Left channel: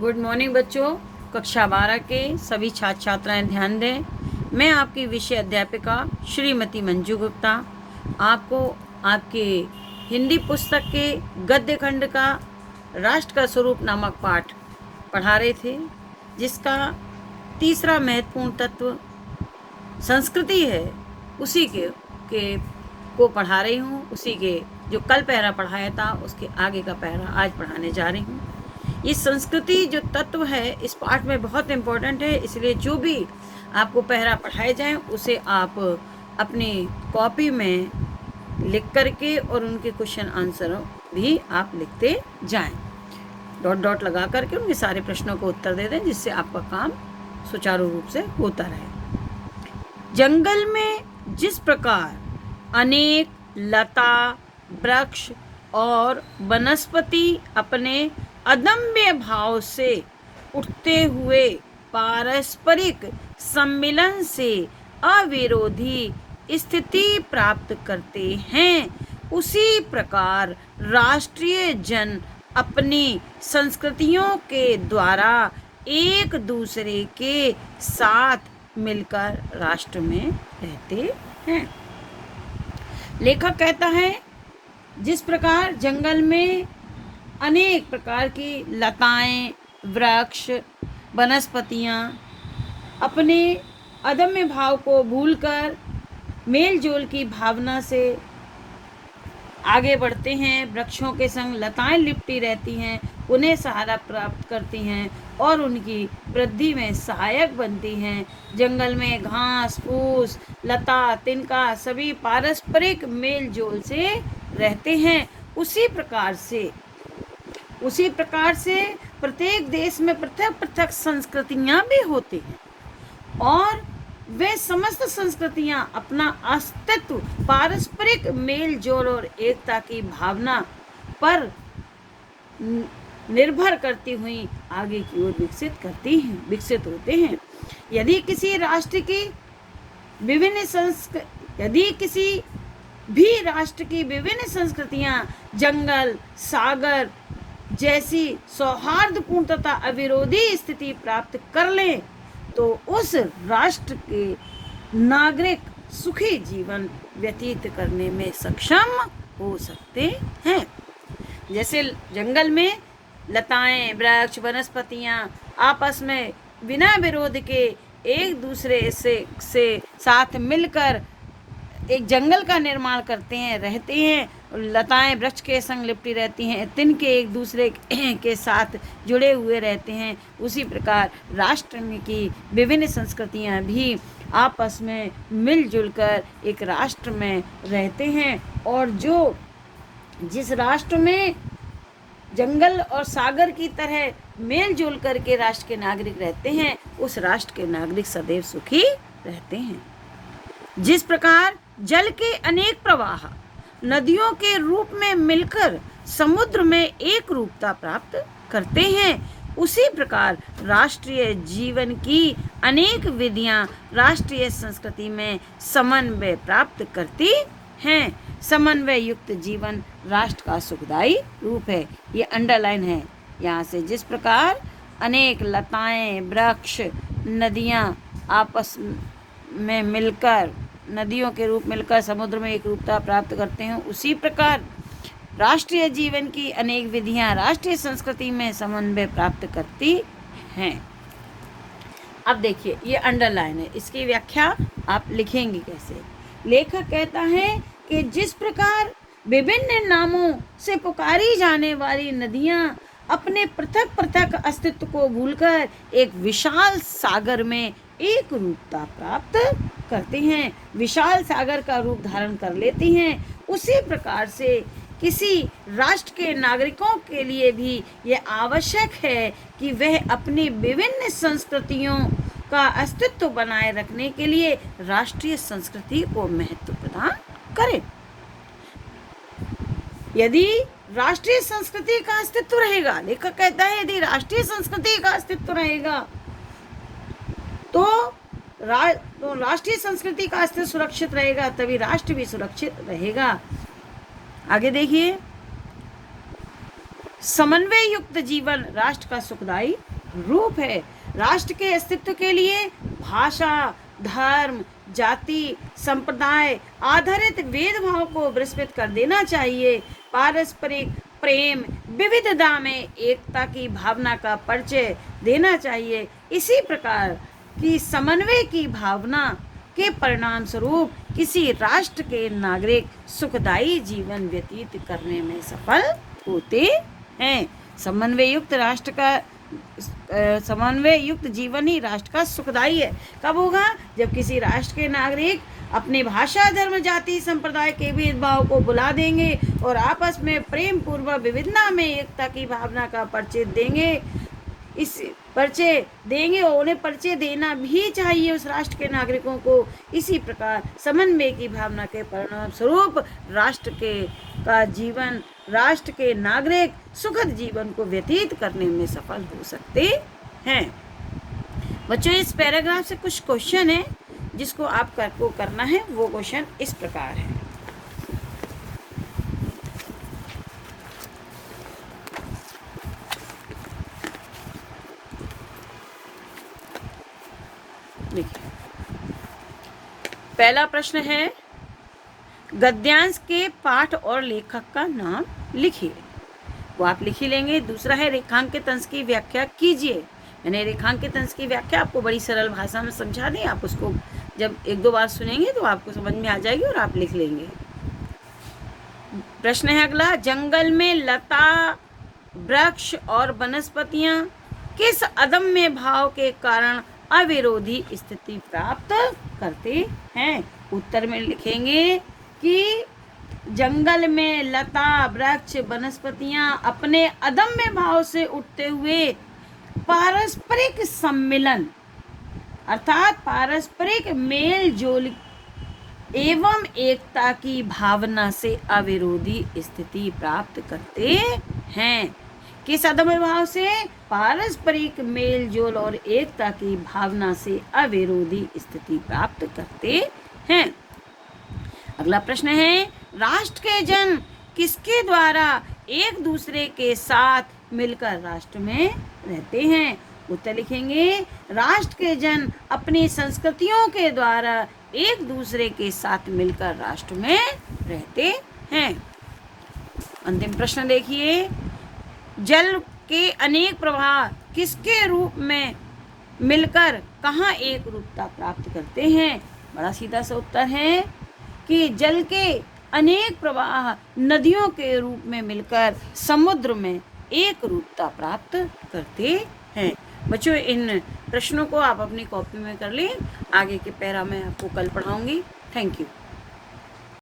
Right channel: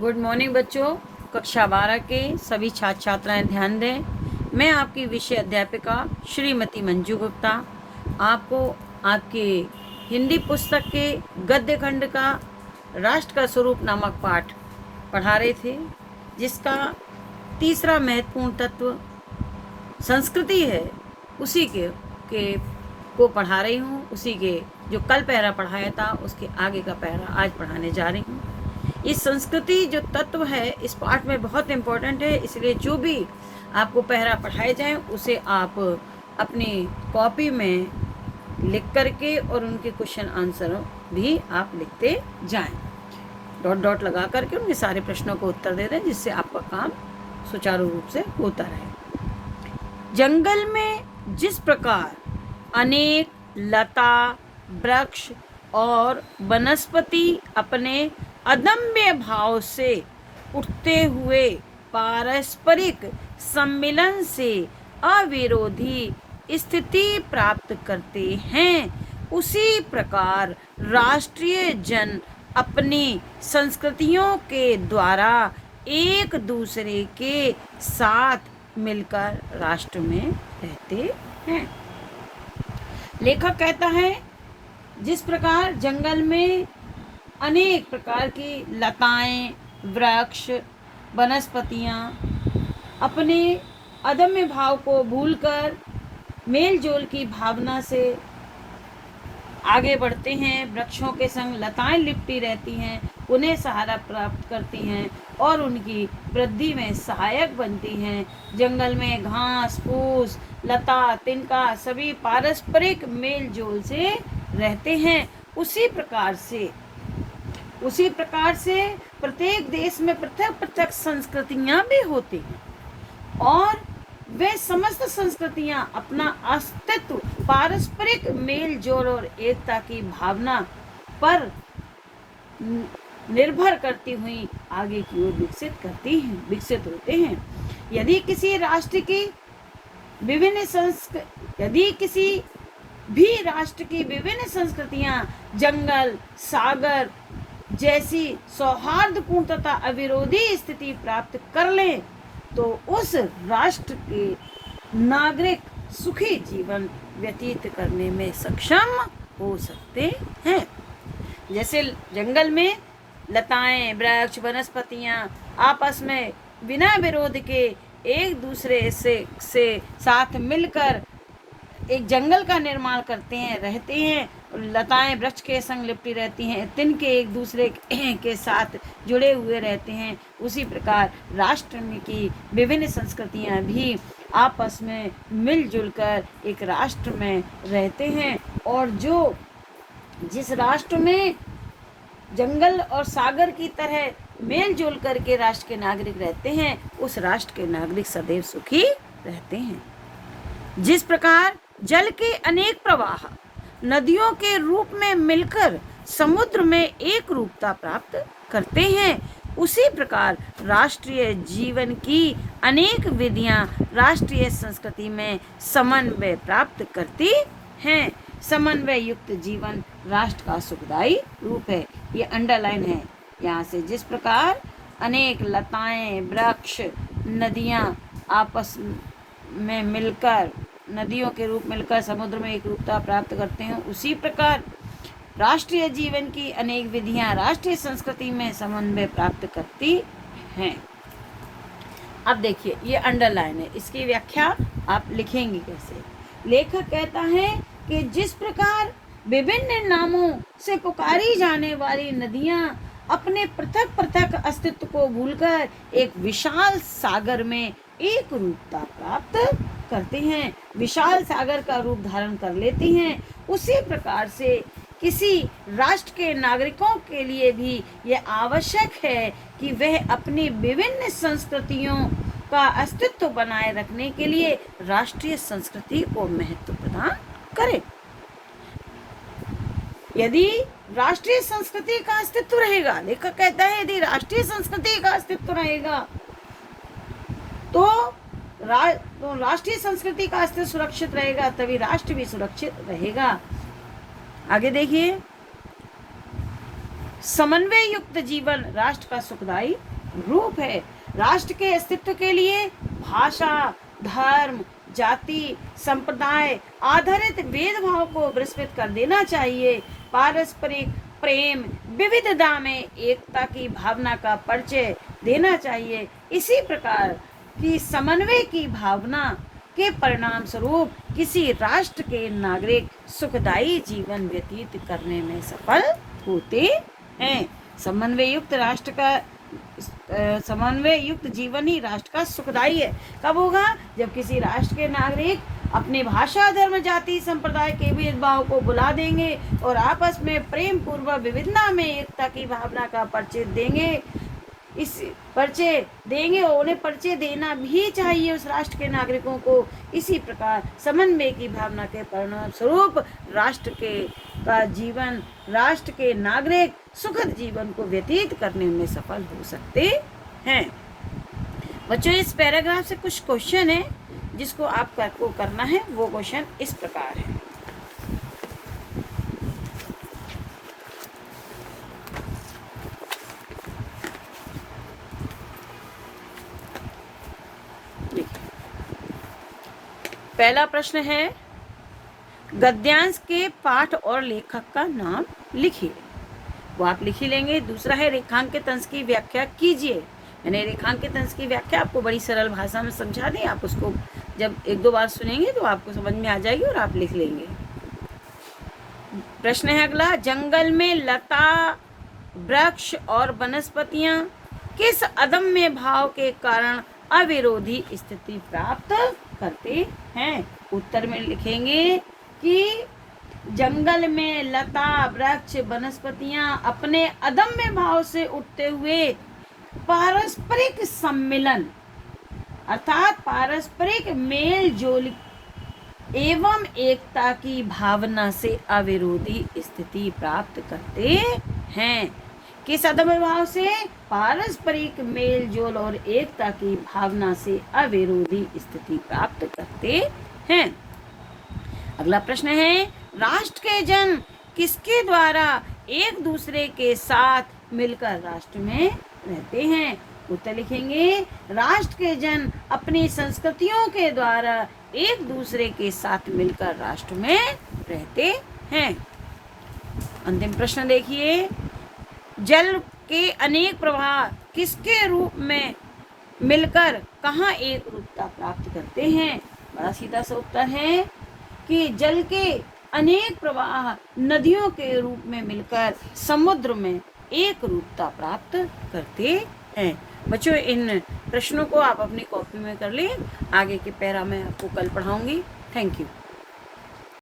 Good morning बच्चों। कक्षा 12 के सभी छात्र छात्राएं ध्यान दें। मैं आपकी विषय अध्यापिका श्रीमती मंजू गुप्ता आपको आपके हिंदी पुस्तक के गद्य खंड का राष्ट्र का स्वरूप नामक पाठ पढ़ा रहे थे, जिसका तीसरा महत्वपूर्ण तत्व संस्कृति है। उसी के को पढ़ा रही हूँ। उसी के जो कल पहरा पढ़ाया था उसके आगे का पहरा आज पढ़ाने जा रही हूँ। इस संस्कृति जो तत्व है इस पाठ में बहुत इम्पोर्टेंट है, इसलिए जो भी आपको पहरा पढ़ाए जाए उसे आप अपनी कॉपी में लिख करके और उनके क्वेश्चन आंसर भी आप लिखते जाएं। डॉट डॉट लगा करके उनके सारे प्रश्नों को उत्तर दे दें, जिससे आपका काम सुचारू रूप से होता रहे। जंगल में जिस प्रकार अनेक लता, वृक्ष और वनस्पति अपने अदम्य भाव से उठते हुए पारस्परिक सम्मिलन से अविरोधी स्थिति प्राप्त करते हैं, उसी प्रकार राष्ट्रीय जन अपनी संस्कृतियों के द्वारा एक दूसरे के साथ मिलकर राष्ट्र में रहते हैं। लेखक कहता है, जिस प्रकार जंगल में अनेक प्रकार की लताएं, वृक्ष, वनस्पतियां अपने अदम्य भाव को भूलकर मेल जोल की भावना से आगे बढ़ते हैं, वृक्षों के संग लताएं लिपटी रहती हैं, उन्हें सहारा प्राप्त करती हैं और उनकी वृद्धि में सहायक बनती हैं। जंगल में घास फूस, लता, तिनका सभी पारस्परिक मेल जोल से रहते हैं। उसी प्रकार से प्रत्येक देश में पृथक पृथक संस्कृतियां भी होती हैं और वे समस्त संस्कृतियां अपना अस्तित्व पारस्परिक मेल जोल और एकता की भावना पर निर्भर करती हुई आगे की ओर विकसित होते हैं। यदि किसी भी राष्ट्र की विभिन्न संस्कृतियां जंगल, सागर जैसी सौहार्दपूर्ण तथा अविरोधी स्थिति प्राप्त कर लें, तो उस राष्ट्र के नागरिक सुखी जीवन व्यतीत करने में सक्षम हो सकते हैं। जैसे जंगल में लताएं, वृक्ष, वनस्पतियां आपस में बिना विरोध के एक दूसरे से साथ मिलकर एक जंगल का निर्माण करते हैं, रहते हैं। लताएं वृक्ष के संग लिपटी रहती हैं, तिनके एक दूसरे के साथ जुड़े हुए रहते हैं। उसी प्रकार राष्ट्र में की विभिन्न संस्कृतियां भी आपस में मिलजुल कर एक राष्ट्र में रहते हैं। और जिस राष्ट्र में जंगल और सागर की तरह मेल जोल करके राष्ट्र के नागरिक रहते हैं, उस राष्ट्र के नागरिक सदैव सुखी रहते हैं। जिस प्रकार जल के अनेक प्रवाह नदियों के रूप में मिलकर समुद्र में एक रूपता प्राप्त करते हैं, उसी प्रकार राष्ट्रीय जीवन की अनेक विधियां राष्ट्रीय संस्कृति में समन्वय प्राप्त करती हैं। समन्वय युक्त जीवन राष्ट्र का सुखदायी रूप है। ये अंडरलाइन है यहाँ से। जिस प्रकार अनेक लताएं, वृक्ष, नदियां आपस में मिलकर नदियों के रूप मिलकर समुद्र में एक रूपता प्राप्त करते हैं, उसी प्रकार राष्ट्रीय जीवन की अनेक विधियां राष्ट्रीय संस्कृति में समन्वय प्राप्त करती हैं। अब देखिए, ये अंडरलाइन है, इसकी व्याख्या आप लिखेंगे कैसे। लेखक कहता है कि जिस प्रकार विभिन्न नामों से पुकारी जाने वाली नदियां अपने पृथक पृथक अस्तित्व को भूलकर एक विशाल सागर में एक रूपता प्राप्त करते हैं, विशाल सागर का रूप धारण कर लेती हैं, उसी प्रकार से किसी राष्ट्र के नागरिकों के लिए भी यह आवश्यक है कि वह अपनी विभिन्न संस्कृतियों का अस्तित्व बनाए रखने के लिए राष्ट्रीय संस्कृति को महत्व प्रदान करें। यदि राष्ट्रीय संस्कृति का अस्तित्व रहेगा, लेखक कहता है, यदि राष्ट्रीय संस्कृति का अस्तित्व रहेगा तो राष्ट्रीय संस्कृति का अस्तित्व सुरक्षित रहेगा, तभी राष्ट्र भी सुरक्षित रहेगा। आगे देखिए, समन्वय युक्त जीवन राष्ट्र का सुखदायी रूप है। राष्ट्र के अस्तित्व के लिए भाषा, धर्म, जाति, संप्रदाय आधारित भेदभाव को विस्मृत कर देना चाहिए। पारस्परिक प्रेम, विविधता में एकता की भावना का परिचय देना चाहिए। इसी प्रकार की समन्वय की भावना के परिणाम स्वरूप किसी राष्ट्र के नागरिक सुखदायी जीवन व्यतीत करने में सफल होते हैं। समन्वय युक्त जीवन ही राष्ट्र का सुखदायी है। कब होगा? जब किसी राष्ट्र के नागरिक अपने भाषा, धर्म, जाति, संप्रदाय के भेदभाव को भुला देंगे और आपस में प्रेम पूर्वक विविधता में एकता की भावना का परिचय देंगे। और उन्हें परिचय देना भी चाहिए उस राष्ट्र के नागरिकों को। इसी प्रकार समन्वय की भावना के परिणाम स्वरूप राष्ट्र के नागरिक सुखद जीवन को व्यतीत करने में सफल हो सकते हैं। बच्चों, इस पैराग्राफ से कुछ क्वेश्चन है जिसको आपको करना है। वो क्वेश्चन इस प्रकार है। पहला प्रश्न है, गद्यांश के पाठ और लेखक का नाम लिखिए। वो आप लिख ही लेंगे। दूसरा है, रेखांकित अंश की व्याख्या कीजिए। यानी रेखांकित अंश की व्याख्या आपको बड़ी सरल भाषा में समझा दें। आप उसको जब एक दो बार सुनेंगे तो आपको समझ में आ जाएगी और आप लिख लेंगे। प्रश्न है अगला, जंगल में लता, वृक्ष और वनस्पतियां किस अदम्य भाव के कारण अविरोधी स्थिति प्राप्त करते हैं? उत्तर में लिखेंगे कि जंगल में लता, वृक्ष, वनस्पतियां अपने अदम्य भाव से उठते हुए पारस्परिक सम्मिलन अर्थात पारस्परिक मेल जोल एवं एकता की भावना से अविरोधी स्थिति प्राप्त करते हैं। किस अदम्य भाव से? पारस्परिक मेल जोल और एकता की भावना से अविरोधी स्थिति प्राप्त करते हैं। अगला प्रश्न है, राष्ट्र के जन किसके द्वारा एक दूसरे के साथ मिलकर राष्ट्र में रहते हैं? उत्तर लिखेंगे, राष्ट्र के जन अपनी संस्कृतियों के द्वारा एक दूसरे के साथ मिलकर राष्ट्र में रहते हैं। अंतिम प्रश्न देखिए, जल के अनेक प्रवाह किसके रूप में मिलकर कहाँ एक रूपता प्राप्त करते हैं? बड़ा सीधा सा उत्तर है कि जल के अनेक प्रवाह नदियों के रूप में मिलकर समुद्र में एक रूपता प्राप्त करते हैं। बच्चों, इन प्रश्नों को आप अपनी कॉपी में कर लें। आगे के पैरा में आपको कल पढ़ाऊंगी। Thank you.